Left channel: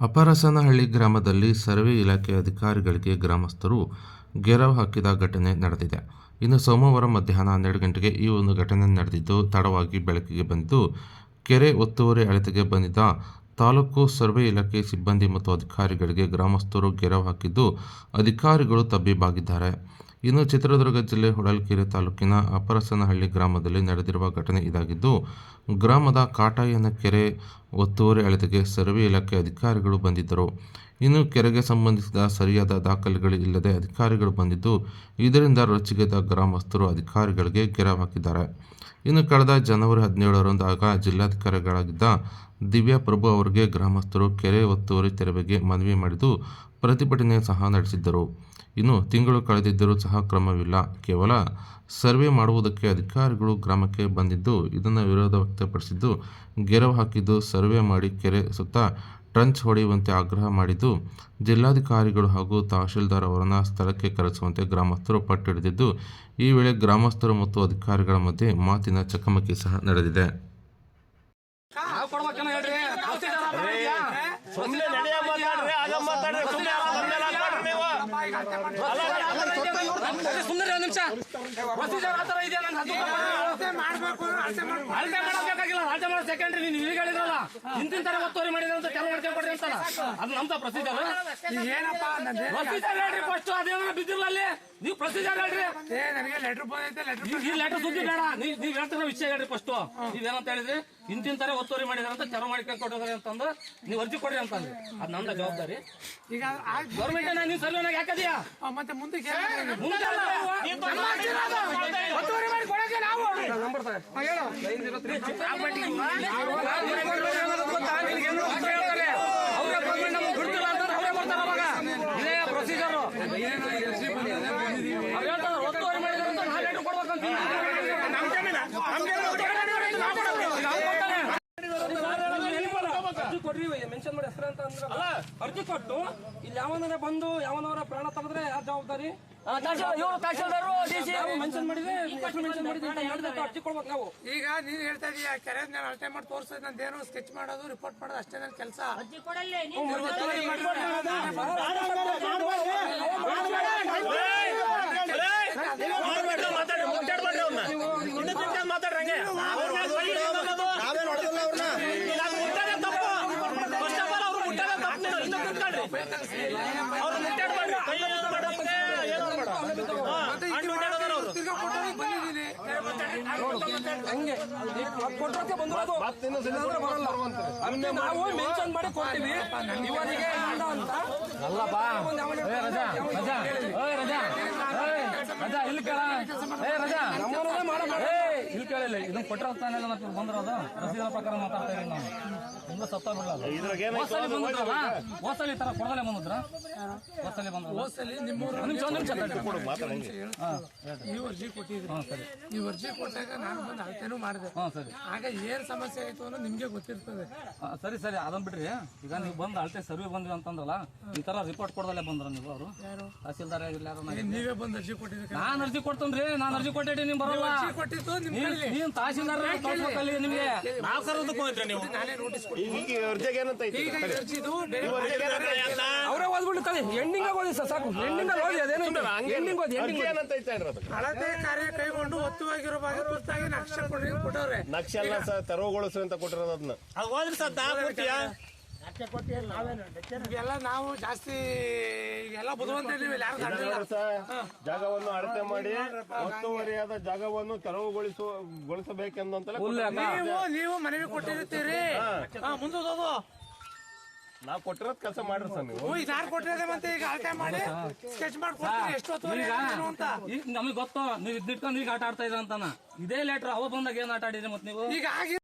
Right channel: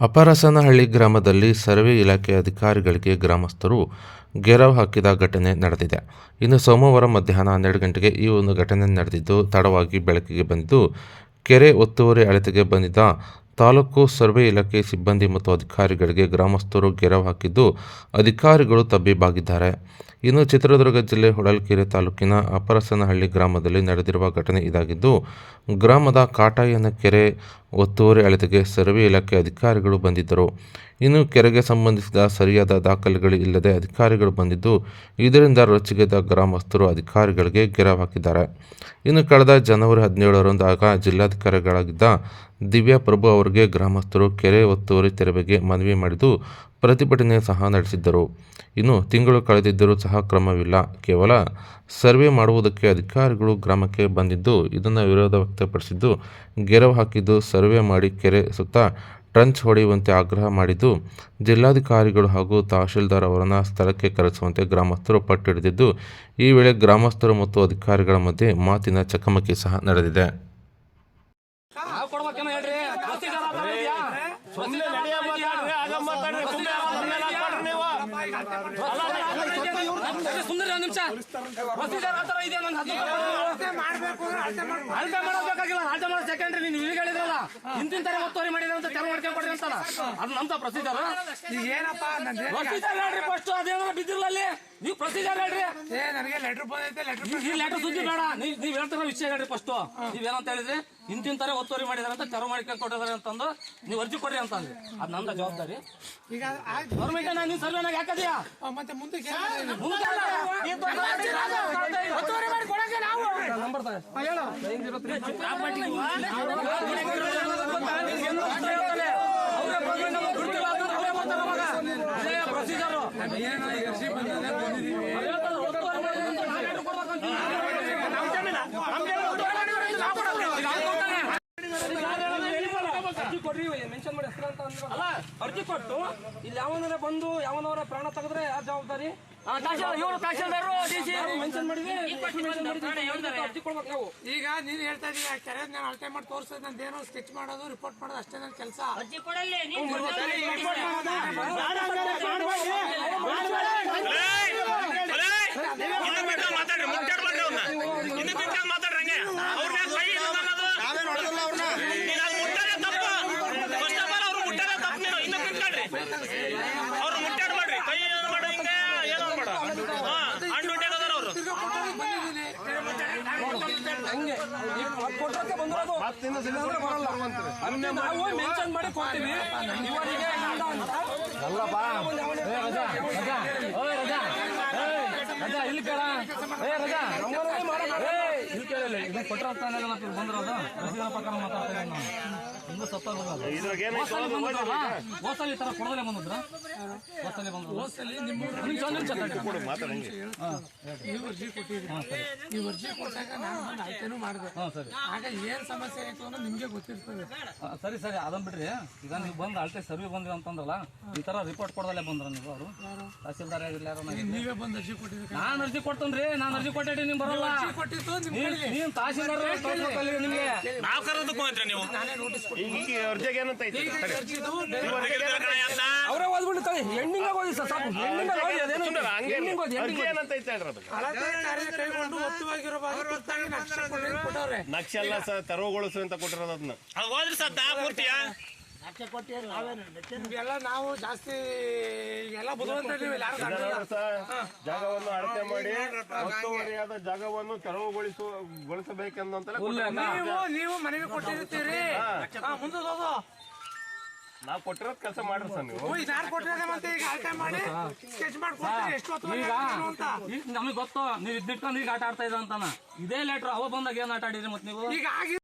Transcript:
ಅಪರಸನಹಳ್ಳಿ ಗ್ರಾಮದಲ್ಲಿ ಸರ್ವೆ ಇಲಾಖೆ ಅಧಿಕಾರಿಗಳಿಗೆ ಗ್ರಾಮಸ್ಥರು ಘೇರಾವ್ ಹಾಕಿದ ಘಟನೆ ನಡೆದಿದೆ. ಇನ್ನು ಸೋಮವಾರ ಮಧ್ಯಾಹ್ನ 12 ಗಂಟೆಗೆ ಈ ಒಂದು ಘಟನೆ ನಡೆದಿದ್ದು, ತಡವಾಗಿ ಬೆಳಕಿಗೆ ಬಂದಿದ್ದು, ಕೆರೆ ಒತ್ತುವರಿ ಅಳತೆಗೆ ಬಂದಿದ್ದ ತಾಲೂಕು ಸರ್ವೆ ಇಲಾಖೆ ಸಿಬ್ಬಂದಿ ಮತ್ತು ಅಧಿಕಾರಿಗಳಿಗೆ ಗ್ರಾಮಸ್ಥರು ಘೇರಾವ್ ಹಾಕಿದ್ದು, ಅಧಿಕಾರಿಗಳು ತಬ್ಬಿಬ್ಬಾಗಿದ್ದಾರೆ. ಇನ್ನು ಚಿತ್ರದುರ್ಗ ಜಿಲ್ಲೆ ಹೊಳಲ್ಕೆರೆ ತಾಲೂಕಿನ ಅಪರಸನಹಳ್ಳಿ ಗ್ರಾಮದಲ್ಲಿ ನಡೆದಿರುವ ಘಟನೆ ಇದಾಗಿದ್ದು, ಗ್ರಾಮದ ಕಾಟಾಯನ ಕೆರೆ ಒತ್ತುವರಿ ಅಳತೆಗೆ ಸರ್ವೆ ಇಲಾಖೆ ಅಧಿಕಾರಿಗಳು ಬಂದಿದ್ದರು. ಇನ್ನು ಕೆರೆಗೆ ಸಂಬಂಧಿಸಿದ ಸರಿಯಾದ ದಾಖಲೆಗಳು ಇಲ್ಲದೆ ಅಧಿಕಾರಿಗಳು ಬಂದಿದ್ದು, ಇದರಿಂದ ರೊಚ್ಚಿಗೆದ್ದ ಗ್ರಾಮಸ್ಥರು ಅಧಿಕಾರಿಗಳಿಗೆ ಘೇರಾವ್ ಹಾಕಿದ್ದಾರೆ. ಇನ್ನು ಕಳೆದ ಜನವರಿ 17ರಂದು ಆಗ ಜಿಲ್ಲಾಧಿಕಾರಿಗಳಾಗಿದ್ದ ದಿವ್ಯಾ ಪ್ರಭು ಅವರಿಗೆ ಗ್ರಾಮಸ್ಥರು ಕೆರೆ ಒತ್ತುವರಿ ತೆರವಿಗೆ ಮನವಿ ಮಾಡಿದ್ದು, ಪ್ರತಿಭಟನೆ ಸಹ ನಡೆಸಿದ್ದರು. ಇನ್ನು ತಿಂಗಳು ಕಳೆದಿದ್ದರೂ ಸಹ ಕ್ರಮವಿಲ್ಲ. ಕೇವಲ ಸರ್ವೆ ಮಾಡುವುದಕ್ಕೆ ಅಧಿಕಾರಿಗಳು ಗ್ರಾಮಕ್ಕೆ ಬಂದಿದ್ದು, ಇದನ್ನು ವಿರೋಧ ವ್ಯಕ್ತಪಡಿಸಿದ್ದು, ಘೇರಾವ್ ಹಾಕಿದ್ದು, ಸರ್ವೆ ಮಾಡಿ ಕೆರೆ ಸುತ್ತ ಟ್ರಂಚ್ ಹೊಡೆಯುವಂತೆ ಆಗ್ರಹ ಮಾಡಿದ್ದು, ಜಿಲ್ಲಾಧಿಕಾರಿಗಳು ಹಾಗೂ ತಹಶೀಲ್ದಾರ್ ಅವರನ್ನು ಸ್ಥಳಕ್ಕೆ ಕರೆಸುವಂತೆ ಗ್ರಾಮಸ್ಥರು ಪಟ್ಟು ಹಿಡಿದಿದ್ದು, ಈ ವೇಳೆ ಗ್ರಾಮಸ್ಥರು ಮತ್ತು ಅಧಿಕಾರಿಗಳ ಮಧ್ಯೆ ಮಾತಿನ ಚಕಮಕಿ ಸಹ ನಡೆದಿದೆ. ಒತ್ತುವರಿ ಮಾಡಿದ್ರೆ ಅಂತ ಕರು ಮಾಡ್ಕೊಂಡು ಕೊಡ್ರಿ ಅಂತ ಅದು ನಮ್ದ ಪ್ರೊಸೀಜರ್. ಏನಪ್ಪ ಅದೇನ ಬಿದ್ದಿರಲ್ಲ ಅಲ್ಲಿ, ನೀವು ಪ್ರೊಸೀಜರ್ ಹೇಳ್ರಿ. ನನಗೆ ಲೆಟರ್ ಬಂದೈತೆ, ಲೆಟರ್ ಸುದ್ದಿ ಬೇಡ, ನೀವ್ ಹೇಳ್ತಾರ ವಿಷಯ ಹೇಳ್ರಿ. ಫಸ್ಟ್ ನೀವೇನಂತ ಹೇಳಿದ್ರಿ, ಇಂತಿಂತಾರೆ ಒತ್ತುವರಿ ಮಾಡಿದಾರೆ ಅಂತ ಕರು ಮಾಡ್ಕೊಂಡು ಕೊಟ್ಟಿದ್ದಾರೆ ಅಂತಂದು ನೀವು ಅರ್ಜಿ ಕೊಡ್ರಿ ಅಂತಂದ್ರಿ. ಅದ್ ನಮ್ದ ಜವಾಬ್ದಾರಿ. ಈಗ ಗೌರ್ಮೆಂಟ್ ನೀನ್ ಸರ್ವೆನಾಗ ಯಾಕದಿಯಾ ಮತ್ತೆ ಮುಂದೆ ಮೆನ್ಷನ್ ಮಾಡಿ ಹೆಸರು ಅಂತ ಅಂದ್ರೆ ಅರ್ಜಿ ಕೊಟ್ಟು ಇಲ್ಲಿ ಯಾವನ ಬಂದು ಯಾವನವರ ಪ್ರಾಣ ತೆಗೆದ್ರೆ ಯಾರು ಜವಾಬ್ದಾರಿ? ಮೆನ್ಷನ್ ಮಾಡಿದ್ರೆ ಅರ್ಜಿ ಕೊಡ್ಬೇಕು ನಾವು. ಈಗ ನೀನ್ ಹೇಳ್ತಾ ಇದೀಯ ಕೆರೆ ನಾನು ಅಳತೆ ಮಾಡಿ ತೋರಿಸೋದು, ನಂದೇನೋ ಸ್ಕೆಚ್ ಮಾಡೋದು, ರಿಪೋರ್ಟ್ ಮಾಡೋದು ಅಷ್ಟೇ ನನ್ನ ಕೆಲಸ. ಅವ್ರು ಮುಟ್ಟಾಡ್ಬೇಡ್ರಿ, ಕೈ ಏನಾದ್ರು ಮಾಡಿ ಹಿಂಗೆ ಏನೋ ಮಾಡ ಹಣ್ಣು ಉಂಟಾಗದಾರ ಅವರು. ಹಂಗೆ ಕೊಟ್ರಕ್ಕೆ ಬಂದಿರೋದು ಇಲ್ಲಾಂದ್ರೆ ಬರಲ್ಲ. ಅಲ್ಲಿ ನಾವು ಮೆನ್ಷನ್ ಮಾಡಿ ಕೊಡ್ತೀವಿ ಇವರಿಗೆ ಇಂದ ಅಂತ. ಅಲ್ಲಪ್ಪ ರಜಾ ರಜಾ ರಜಾ ರಜಾ ಇಲ್ಲಿ ಕೇಳ ರಜಾ ನಮ್ಮನೇ ಮಾಡೋದು ಇಲ್ಲಿ ಕೇಳಿಲ್ಲ. ಇದನ್ನ ಕೊಟ್ರ ಬಂದಿರೋದು ರಸೀದಿನ ಪ್ರಕಾರ ಮಾತಾಡ್ತಾ ಇದ್ದೀನಿ ನಾನು. ತುಂಬಾ ಸತ್ತೋಗ್ಬಿಡಲ್ಲ. ಹೋಸಲಿ ಬಂದಿದ್ರಲ್ಲ, ಹೋಸಲಿ ಈ ತರ ಕೊಡದಲ್ಲೇ ಬಂದಿದ್ರ, ಹೋಸಲಿ ಬಂದ್ರಲ್ಲ, ನೀವು ಅರ್ಜಿ ಕೊಟ್ಟಿದ್ರಿ. ನೀವು ಅರ್ಜಿ ಕೊಟ್ಟಾಗ ನಾನು ಬಂದು ಅಳತೆನೂ ಮಾಡಿದೆ. ಆಗ ಏನ್ ಸಮಸ್ಯೆ ಆಯ್ತು ಅನ್ನೋ ನಿಮ್ಗೆ ಗೊತ್ತಿರ್ತದೆ. ಸರಿ ಸರಿ ಅದನ್ನ ಬಿಡ್ರಿ. ಈಗ ನೀವು ಬಂದು ಅಳತೆ ಸರ್ವೆ ಬಂದ್ರಿ ಅಂತಂದ್ರಲ್ಲ, ಈ ತರ ರಿಪೋರ್ಟ್ ಕೊಡದಲ್ಲೇ ಬಂದ್ರ ನೀವು? ಅವರು ತಹಸೀಲ್ದಾರ್ ನೀವೇ ಬಂದು ಅರ್ಜಿ ಕೊಟ್ಟಿದ್ರಿ. ನಾನು ಅರ್ಜಿ ಕೊಡ್ತೇನ್ರಿ, ನಾನು ಅರ್ಜಿ ಕೊಟ್ಟಿದ್ದೀನಿ, ನಿಮ್ ಬರಲ್ಲ. ನೀವ್ ತಹಸೀಲ್ದಾರ್ ನಿಮ್ಗೆ ನಾವು ಕರೋದಕ್ಕೂ ಹೋಯ್ತ್ರಿ ನೀವು. ಅವರೇ ಓದ್ಬಿಡ್ತಾರೆ. ಎಂಡಿಂಗ್ ಓದಿ ಸರ್, ಸಾಕು ಎಂಡಿಂಗ್ ಓದಿ. ಅದೇನು ಎಂಡಿಂಗ್ ಓದಿ. ಹಳತೆ ಕಾರ್ಯ ಕೈಗೊಂಡು ಒತ್ತುವಾಗಿರೋ ಭಾಗ ತುರ್ತಾಗಿ ನಕ್ಷೆ ಕೊಟ್ಟವ್ರೆ. ನಕ್ಷೆ ಎಲ್ಲ ತೆರವುಗೊಳಿಸು ಅಂತ ಕೊಟ್ಟಿರೋದು. ಅದನ್ನ ಹೋದ್ರಿ ಸರ್ ಪೂರ್ತಿಯಾ ಎಲ್ಲ ನಾವು ಜಾಸ್ತಿ ಎಲ್ಲ ಬುದ್ಧಿವಂತ ಜಾಗವನ್ನು ಅಳತೆ ಮಾಡಿ ಒತ್ತುವರಿಯಾದ ಜಾಗವನ್ನು ತೆರವುಗೊಳಿಸಬೇಕೆಂದಂತ ನೀವು ಮನವಿ ಕೊಟ್ಟಿರ್ತೀರಿ. ಮುಂದೋದು ನಾವು ಕೊಟ್ಟಿರೋದ್ ಕೆಲಸ ಮಾಡ್ರಿ ಸರ್. ನೀವು ಯಾರು ಕೊಟ್ಟಿರೋದೇ ಮತ್ತೆ ಈಗ ಅಳತೆ ಮಾಡಿ ಸ್ಕೆಚ್ ಮಾಡ್ಕೊಡ್ತೀರಿ ಎಷ್ಟು ಅಂತ. ನಮಗೆ ಗೊತ್ತು ನೀವು ಇದ್ದಿಟ್ಕೊಂಡು ಈಗ ಆಟ ಆಡ್ತಾ ಇದ್ರ ಅಂತಾನ. ಇದೇ ಲೆಟ್ರ್ ಅವ ಬಂದಾಗ ಏನ್ ಆಟ ಆಡಿದ್ರಿ ಮತ್ತೆ ನೀವು? ಈಗ